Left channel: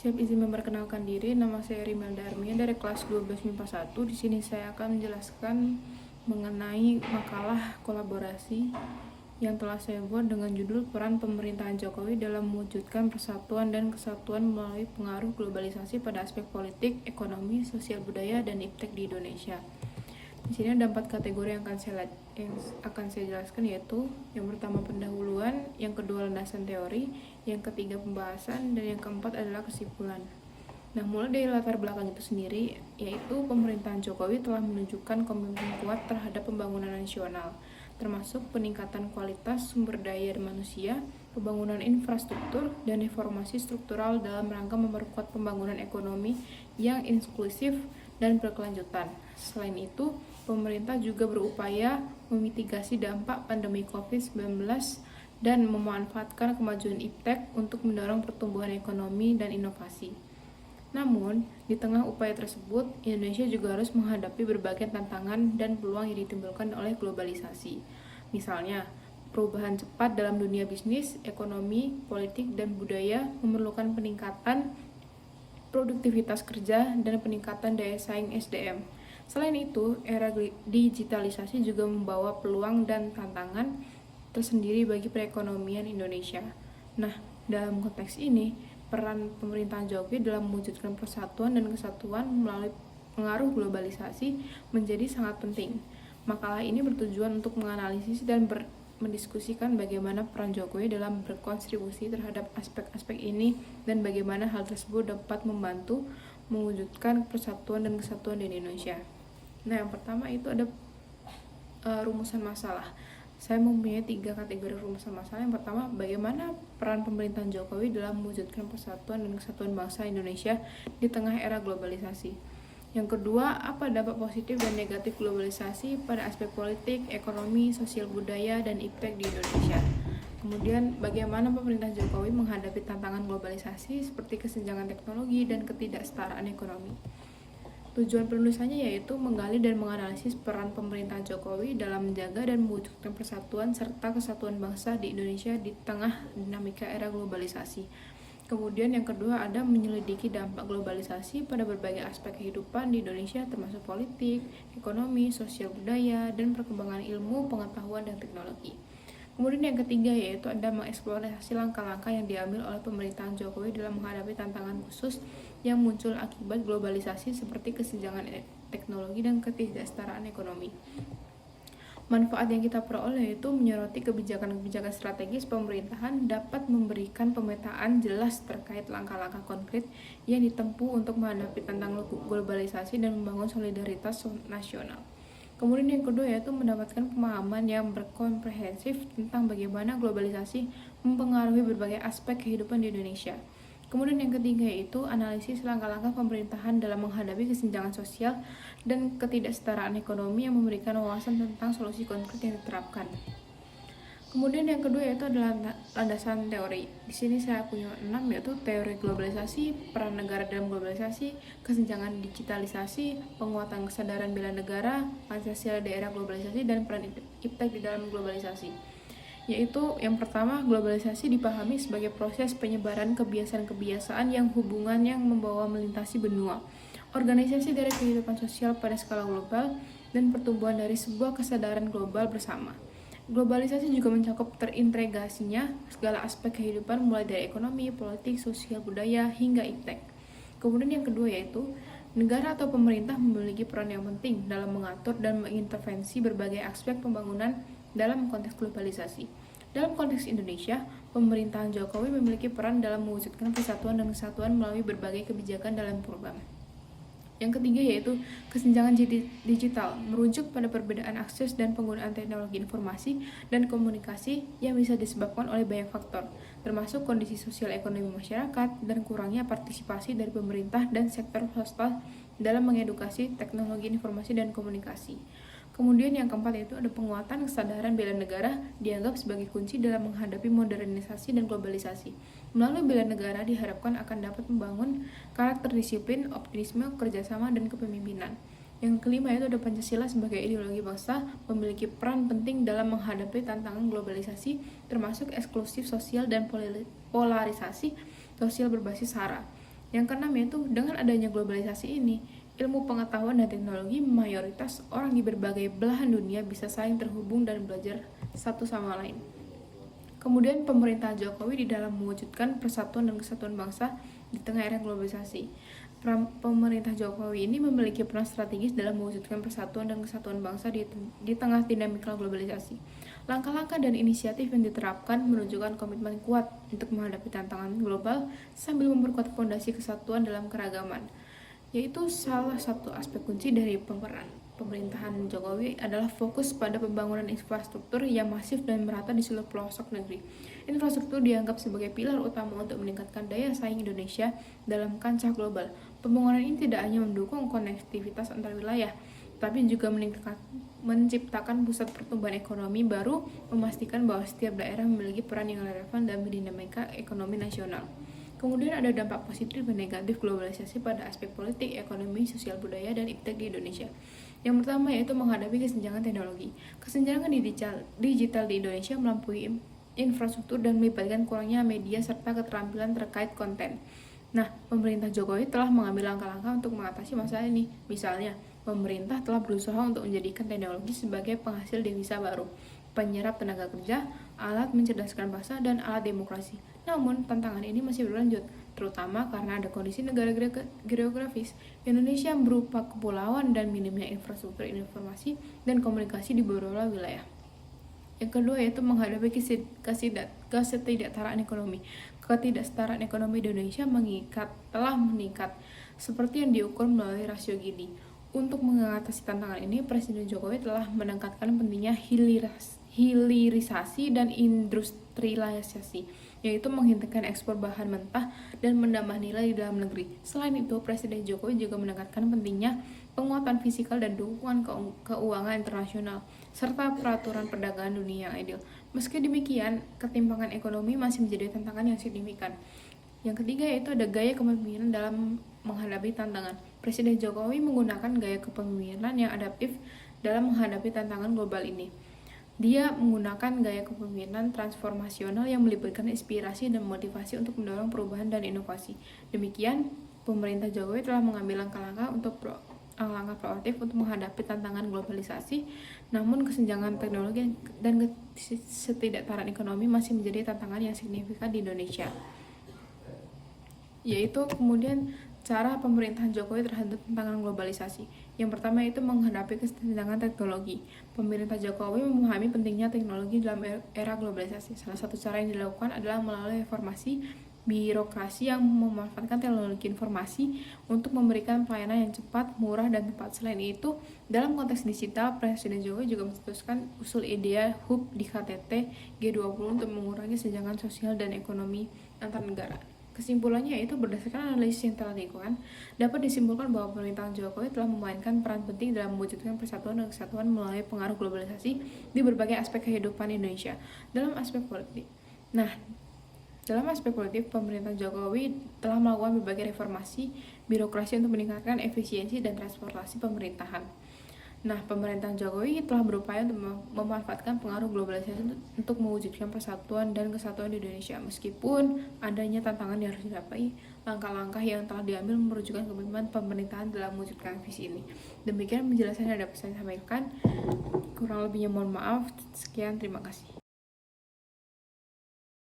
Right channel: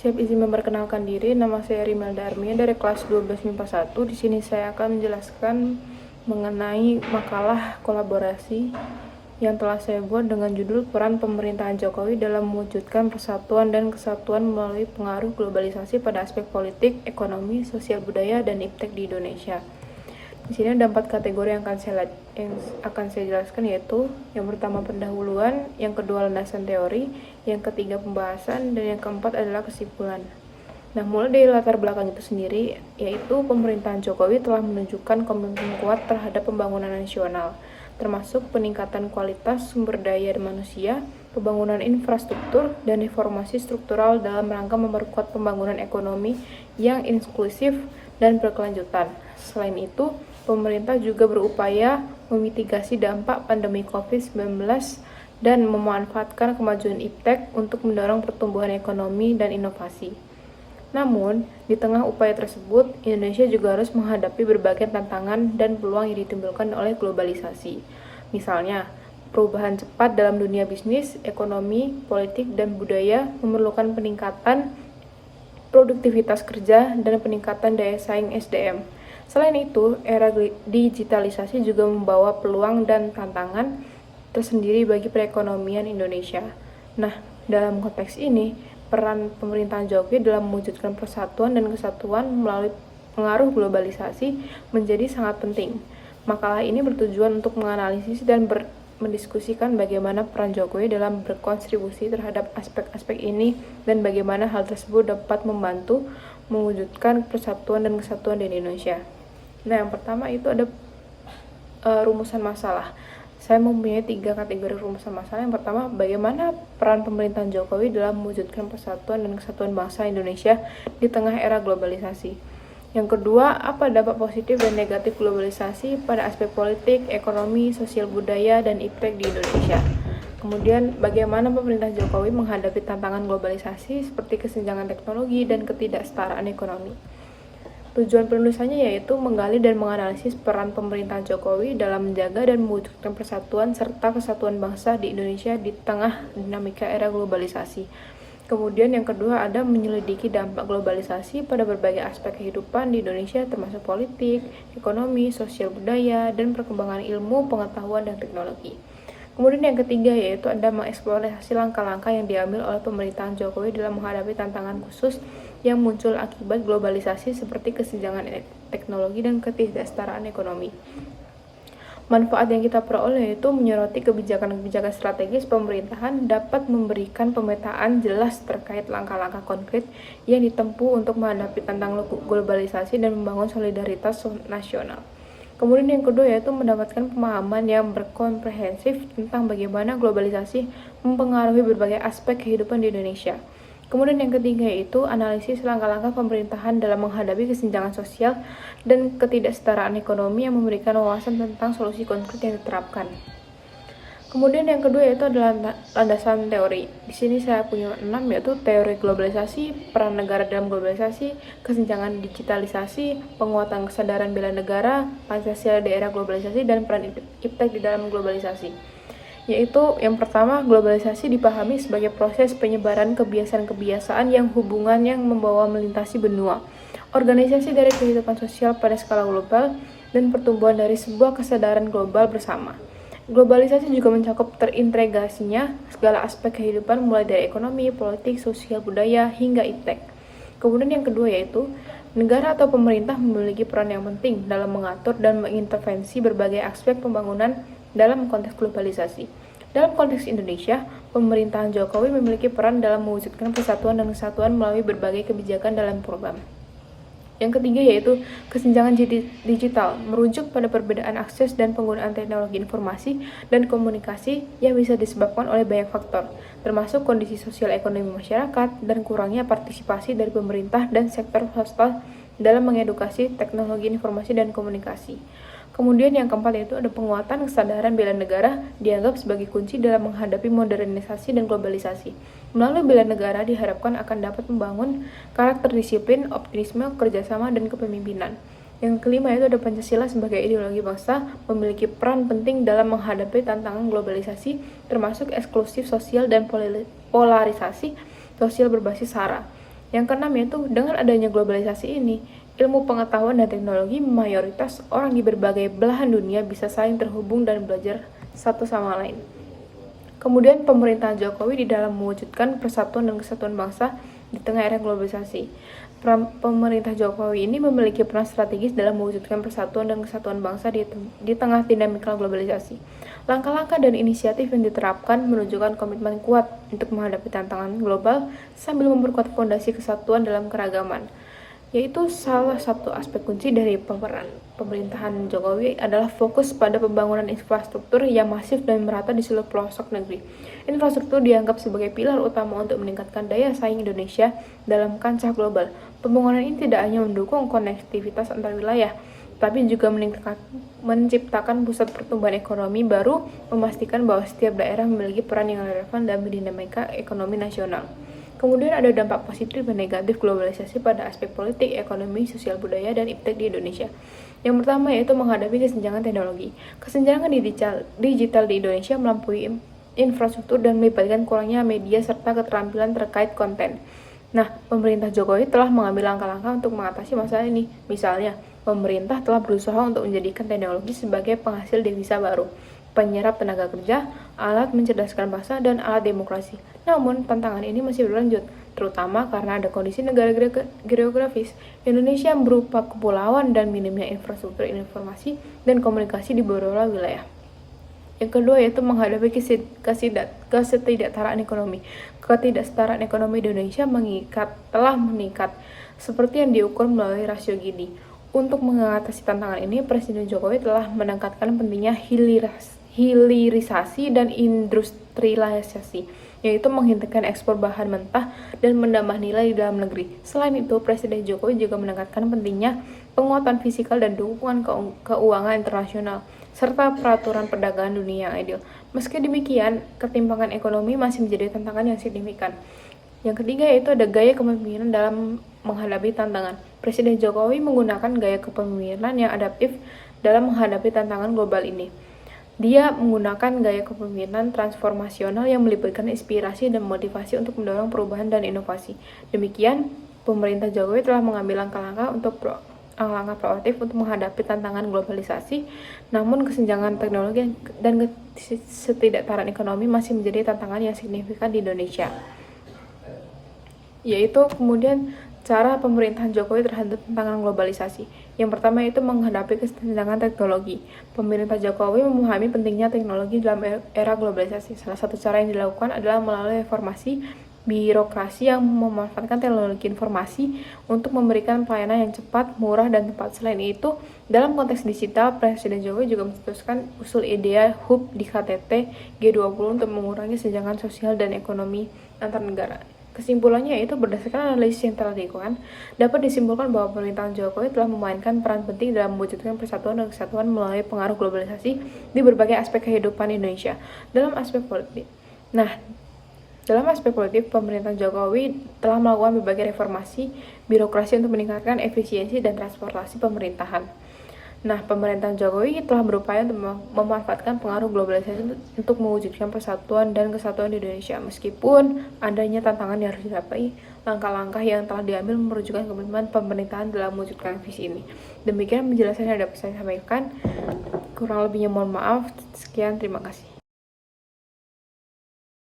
Siap izin memperkenalkan diri, nama saya Rimelda Armia dari kelas 12 MIPA 1. Di sini saya akan menjelaskan mengenai makalah kolaborasi yang telah saya buat dengan judul Peran Pemerintahan Jokowi dalam mewujudkan persatuan dan kesatuan melalui pengaruh globalisasi pada aspek politik, ekonomi, sosial budaya, dan iptek di Indonesia. Di sini ada 4 kategori yang akan saya jelaskan, yaitu yang pertama pendahuluan, yang kedua landasan teori, yang ketiga pembahasan, dan yang keempat adalah kesimpulan. Nah, mulai dari latar belakang itu sendiri, yaitu pemerintahan Jokowi telah menunjukkan komitmen kuat terhadap pembangunan nasional, termasuk peningkatan kualitas sumber daya manusia, pembangunan infrastruktur, dan reformasi struktural dalam rangka memperkuat pembangunan ekonomi yang inklusif dan berkelanjutan. Selain itu, pemerintah juga berupaya memitigasi dampak pandemi COVID-19 dan memanfaatkan kemajuan iptek untuk mendorong pertumbuhan ekonomi dan inovasi. Namun, di tengah upaya tersebut, Indonesia juga harus menghadapi berbagai tantangan dan peluang yang ditimbulkan oleh globalisasi. Misalnya, perubahan cepat dalam dunia bisnis, ekonomi, politik, dan budaya memerlukan peningkatan produktivitas kerja dan peningkatan daya saing SDM. Selain itu, era digitalisasi juga membawa peluang dan tantangan tersendiri bagi perekonomian Indonesia. Nah, dalam konteks ini, peran pemerintahan Jokowi dalam mewujudkan persatuan dan kesatuan melalui pengaruh globalisasi menjadi sangat penting. Makalah ini bertujuan untuk menganalisis dan mendiskusikan bagaimana peran Jokowi dalam berkontribusi terhadap aspek-aspek ini dan bagaimana hal tersebut dapat membantu mewujudkan persatuan dan kesatuan di Indonesia. Nah, yang pertama itu ada rumusan masalah. Saya mempunyai 3 kategori rumusan masalah. Yang pertama, bagaimana peran pemerintahan Jokowi dalam mewujudkan persatuan dan kesatuan bangsa Indonesia di tengah era globalisasi. Yang kedua, apa dampak positif dan negatif globalisasi pada aspek politik, ekonomi, sosial budaya, dan iptek di Indonesia. Kemudian, bagaimana pemerintah Jokowi menghadapi tantangan globalisasi seperti kesenjangan teknologi dan ketidaksetaraan ekonomi. Tujuan penulisannya yaitu menggali dan menganalisis peran pemerintahan Jokowi dalam menjaga dan mewujudkan persatuan serta kesatuan bangsa di Indonesia di tengah dinamika era globalisasi. Kemudian yang kedua ada menyelidiki dampak globalisasi pada berbagai aspek kehidupan di Indonesia termasuk politik, ekonomi, sosial budaya, dan perkembangan ilmu, pengetahuan, dan teknologi. Kemudian yang ketiga yaitu ada mengeksplorasi langkah-langkah yang diambil oleh pemerintahan Jokowi dalam menghadapi tantangan khusus yang muncul akibat globalisasi seperti kesenjangan teknologi dan ketidaksetaraan ekonomi. Manfaat yang kita peroleh itu menyoroti kebijakan-kebijakan strategis pemerintahan dapat memberikan pemetaan jelas terkait langkah-langkah konkret yang ditempuh untuk menghadapi tantangan globalisasi dan membangun solidaritas nasional. Kemudian yang kedua yaitu mendapatkan pemahaman yang berkomprehensif tentang bagaimana globalisasi mempengaruhi berbagai aspek kehidupan di Indonesia. Kemudian yang ketiga yaitu analisis langkah-langkah pemerintahan dalam menghadapi kesenjangan sosial dan ketidaksetaraan ekonomi yang memberikan wawasan tentang solusi konkret yang diterapkan. Kemudian yang kedua yaitu adalah landasan teori. Di sini saya punya 6 yaitu teori globalisasi, peran negara dalam globalisasi, kesenjangan digitalisasi, penguatan kesadaran bela negara, Pancasila di era globalisasi, dan peran iptek di dalam globalisasi. Yaitu yang pertama, globalisasi dipahami sebagai proses penyebaran kebiasaan-kebiasaan yang hubungan yang membawa melintasi benua, organisasi dari kehidupan sosial pada skala global, dan pertumbuhan dari sebuah kesadaran global bersama. Globalisasi juga mencakup terintegrasinya segala aspek kehidupan mulai dari ekonomi, politik, sosial, budaya, hingga iptek. Kemudian yang kedua yaitu negara atau pemerintah memiliki peran yang penting dalam mengatur dan mengintervensi berbagai aspek pembangunan dalam konteks globalisasi. Dalam konteks Indonesia, pemerintahan Jokowi memiliki peran dalam mewujudkan persatuan dan kesatuan melalui berbagai kebijakan dalam program. Yang ketiga yaitu kesenjangan digital, merujuk pada perbedaan akses dan penggunaan teknologi informasi dan komunikasi yang bisa disebabkan oleh banyak faktor, termasuk kondisi sosial ekonomi masyarakat dan kurangnya partisipasi dari pemerintah dan sektor swasta dalam mengedukasi teknologi informasi dan komunikasi. Kemudian yang keempat yaitu ada penguatan kesadaran bela negara dianggap sebagai kunci dalam menghadapi modernisasi dan globalisasi. Melalui bela negara diharapkan akan dapat membangun karakter disiplin, optimisme, kerjasama, dan kepemimpinan. Yang kelima yaitu ada Pancasila sebagai ideologi bangsa memiliki peran penting dalam menghadapi tantangan globalisasi termasuk eksklusif sosial dan polarisasi sosial berbasis SARA. Yang keenam yaitu dengan adanya globalisasi ini, ilmu pengetahuan dan teknologi mayoritas orang di berbagai belahan dunia bisa saling terhubung dan belajar satu sama lain. Kemudian pemerintahan Jokowi di dalam mewujudkan persatuan dan kesatuan bangsa di tengah era globalisasi. Pemerintah Jokowi ini memiliki peran strategis dalam mewujudkan persatuan dan kesatuan bangsa di tengah dinamika globalisasi. Langkah-langkah dan inisiatif yang diterapkan menunjukkan komitmen kuat untuk menghadapi tantangan global sambil memperkuat fondasi kesatuan dalam keragaman. Yaitu salah satu aspek kunci dari pemerintahan Jokowi adalah fokus pada pembangunan infrastruktur yang masif dan merata di seluruh pelosok negeri. Infrastruktur dianggap sebagai pilar utama untuk meningkatkan daya saing Indonesia dalam kancah global. Pembangunan ini tidak hanya mendukung konektivitas antar wilayah, tapi juga menciptakan pusat pertumbuhan ekonomi baru, memastikan bahwa setiap daerah memiliki peran yang relevan dalam dinamika ekonomi nasional. Kemudian ada dampak positif dan negatif globalisasi pada aspek politik, ekonomi, sosial budaya, dan iptek di Indonesia. Yang pertama yaitu menghadapi kesenjangan teknologi. Kesenjangan digital di Indonesia melampaui infrastruktur dan melibatkan kurangnya media serta keterampilan terkait konten. Nah, pemerintah Jokowi telah mengambil langkah-langkah untuk mengatasi masalah ini. Misalnya, pemerintah telah berusaha untuk menjadikan teknologi sebagai penghasil devisa baru, penyerap tenaga kerja, alat mencerdaskan bangsa, dan alat demokrasi. Namun, tantangan ini masih berlanjut, terutama karena ada kondisi negara geografis Indonesia yang berupa kepulauan dan minimnya infrastruktur informasi dan komunikasi di beberapa wilayah. Yang kedua yaitu menghadapi ketidaksetaraan ekonomi. Ketidaksetaraan ekonomi di Indonesia telah meningkat, seperti yang diukur melalui rasio Gini. Untuk mengatasi tantangan ini, Presiden Jokowi telah menekankan pentingnya hilirisasi dan industrialisasi, yaitu menghentikan ekspor bahan mentah dan menambah nilai di dalam negeri. Selain itu, Presiden Jokowi juga menekankan pentingnya penguatan fiskal dan dukungan keuangan internasional, serta peraturan perdagangan dunia yang adil. Meski demikian, ketimpangan ekonomi masih menjadi tantangan yang signifikan. Yang ketiga yaitu ada gaya kepemimpinan dalam menghadapi tantangan. Presiden Jokowi menggunakan gaya kepemimpinan yang adaptif dalam menghadapi tantangan global ini. Dia menggunakan gaya kepemimpinan transformasional yang melibatkan inspirasi dan motivasi untuk mendorong perubahan dan inovasi. Demikian, pemerintah Jokowi telah mengambil langkah-langkah proaktif untuk menghadapi tantangan globalisasi, namun kesenjangan teknologi dan ketidaksetaraan ekonomi masih menjadi tantangan yang signifikan di Indonesia. Yaitu kemudian cara pemerintahan Jokowi terhadap tantangan globalisasi. Yang pertama yaitu menghadapi kesenjangan teknologi. Pemerintah Jokowi memahami pentingnya teknologi dalam era globalisasi. Salah satu cara yang dilakukan adalah melalui reformasi birokrasi yang memanfaatkan teknologi informasi untuk memberikan pelayanan yang cepat, murah, dan tepat. Selain itu, dalam konteks digital, Presiden Jokowi juga mencetuskan usul ide hub di KTT G20 untuk mengurangi kesenjangan sosial dan ekonomi antar negara. Kesimpulannya yaitu berdasarkan analisis yang telah dilakukan, dapat disimpulkan bahwa pemerintahan Jokowi telah memainkan peran penting dalam mewujudkan persatuan dan kesatuan melalui pengaruh globalisasi di berbagai aspek kehidupan Indonesia. Dalam aspek politik, pemerintahan Jokowi telah melakukan berbagai reformasi birokrasi untuk meningkatkan efisiensi dan transportasi pemerintahan. Pemerintahan Jokowi telah berupaya untuk memanfaatkan pengaruh globalisasi untuk mewujudkan persatuan dan kesatuan di Indonesia. Meskipun adanya tantangan yang harus dilampaui, langkah-langkah yang telah diambil menunjukkan komitmen pemerintahan dalam mewujudkan visi ini. Demikian penjelasan yang dapat saya sampaikan. Kurang lebihnya mohon maaf. Sekian, terima kasih.